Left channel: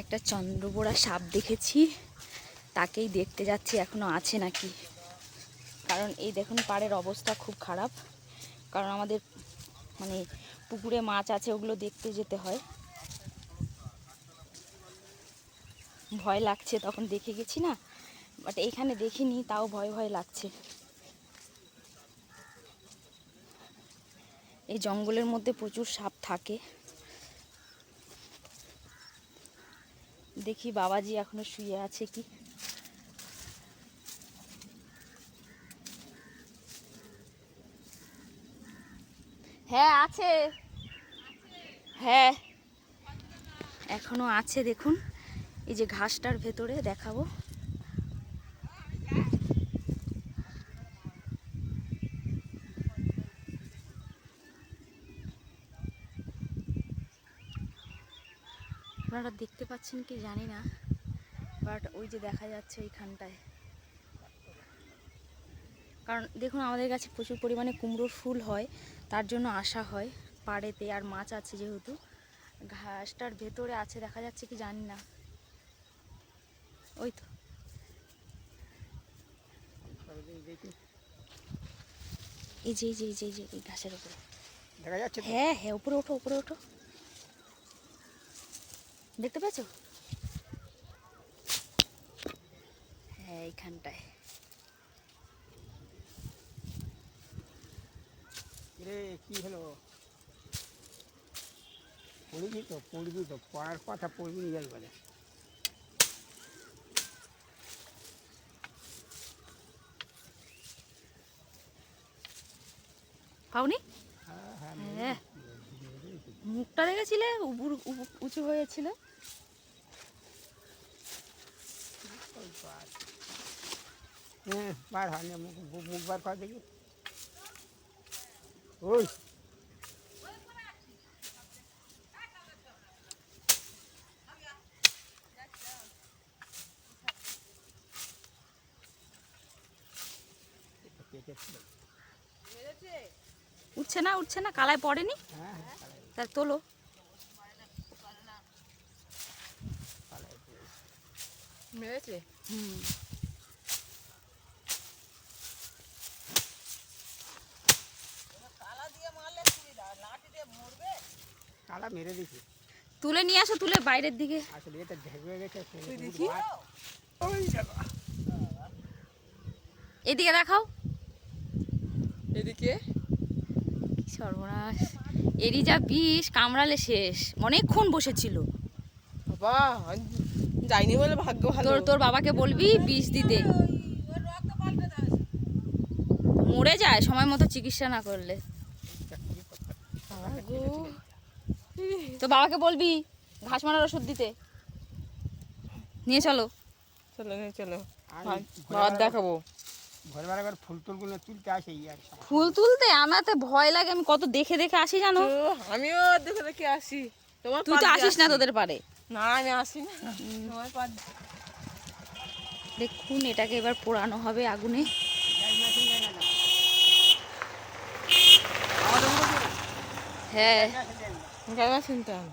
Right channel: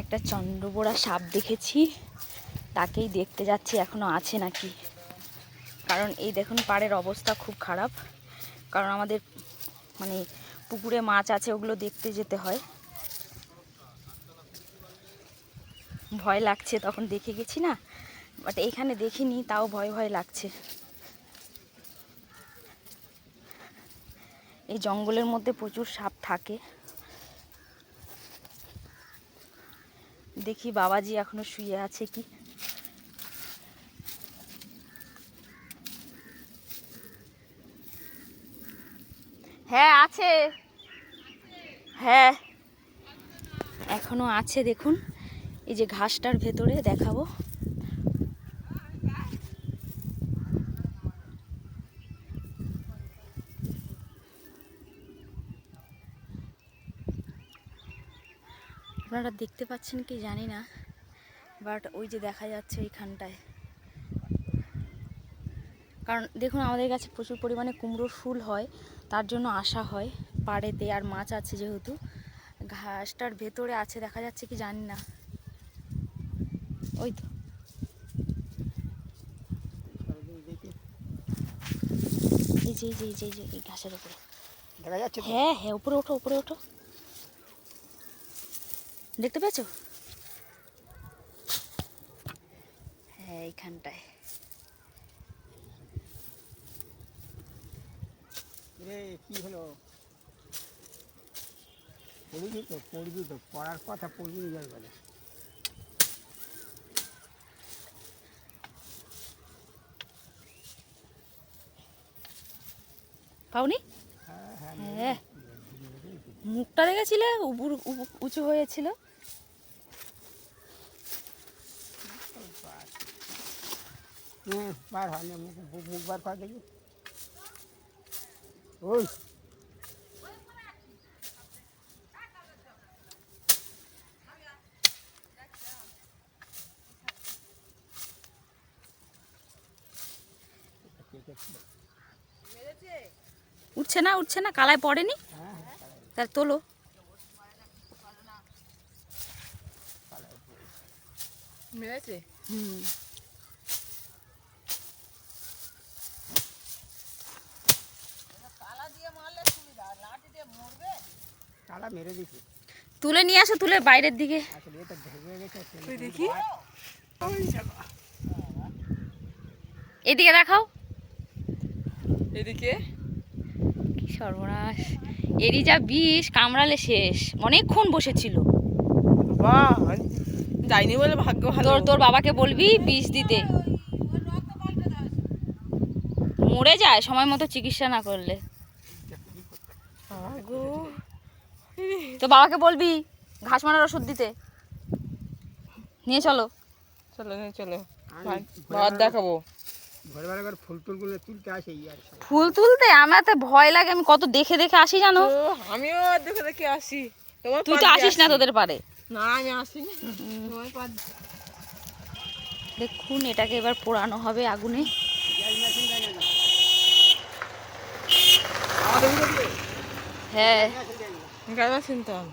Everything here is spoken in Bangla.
একটা চন্দ্রবোড়া সাপ দেখেছি, তাকেই দেখতে যাচ্ছি এখনো আছে নাকি। কারণ এই দেখুন পাড়ের অবস্থা খুব খারাপ, কারণ আমাদের মানে পুকুরে মাছ আছে, ওগুলো দেখতে যেতে হয়। ভয় লাগছে, তখন দেখে গেছি না, বাট এখানে দেখিনি, তাও ভয় ভয় লাগছে। এই জঙ্গলের মধ্যে প্রচুর সাপ থাকে। দেখি বাবাজি এখনো শুয়ে আছে কি। হ্যাঁ আছে, হ্যাঁ এখনো আছে। দেখুন এই যে ঘাসটার ভেতরে দেখাবো। আপনারা দেখতে পাচ্ছেন কি জানি না, বাট ওই যে দেখা যাচ্ছে এইখানটায়। কারণ দেখুন আমাদের কাছে প্রচুর পরিমাণে কুমড়োর ফুল হয়, তার জন্য আসা হয় পাড়েতে। আর মাছ আছে যেহেতু, ঘাসটার ভেতরে আছে, দেখা যাচ্ছে কি জানি না। ওই তো এই যে এই যে এই যে এই ঘাসের উপরে দেখা যাচ্ছে। হ্যাঁ হ্যাঁ, উপরে ওঠো উপরে ওঠো, দেখতে পেয়েছো? হ্যাঁ এইখানটায়। কি হলো? পড়বি তো পড়ার কথা পড়বি যাই বলে। পাওনি? হ্যাঁ মুখটা দেখেছিলে উঁচু হয়েছিল। বার হয় না, মুখ বার করে দেখি। ওই উঠছে না উঠছে না, কালায় পড়েনি, তার তোলো। মেরেছে? হুম কালা মেরে দিছি। তুলে নিয়ে আসো, তুলে বাইরের দিকে। আসলে এটা ভেঙে গেছে। দেখি এদিকে দেখাও। এদিকে কি সর্বনাশ, এরই যা বিষ, কামড়ালে শেষ। অনেকক্ষণ বসেছিল। বাহ, যাইনি বলে ভাগ্য ভালো। তোর বাবাকে বলবি বিষ দিতে, মরে যায় সময় মতো চিকিৎসা না করলে। গো, তো বাবাকে বলবি ঘাস মারার ওষুধ দিতে। নিয়ে চলো। চলো চলো, আমি ভাত দেখাবো। ভোরবেলা করে ফুল টুলগুলো তুলতে আসে আর ফুল তুলতে আমার তো ভয় লাগে, আমি কত দেখে দেখে আসি জানো। তো আমিও দেখে দেখে আসি। তোমার তুই তো পাশ দিয়ে আসিস না আসি। তোদের পারে। না আমি আসি না, তোমার পাশ দিয়ে। দেখুন এটাকে এবার পোড়ানো হবে আগুনে। হ্যাঁ কেন শুনতাম?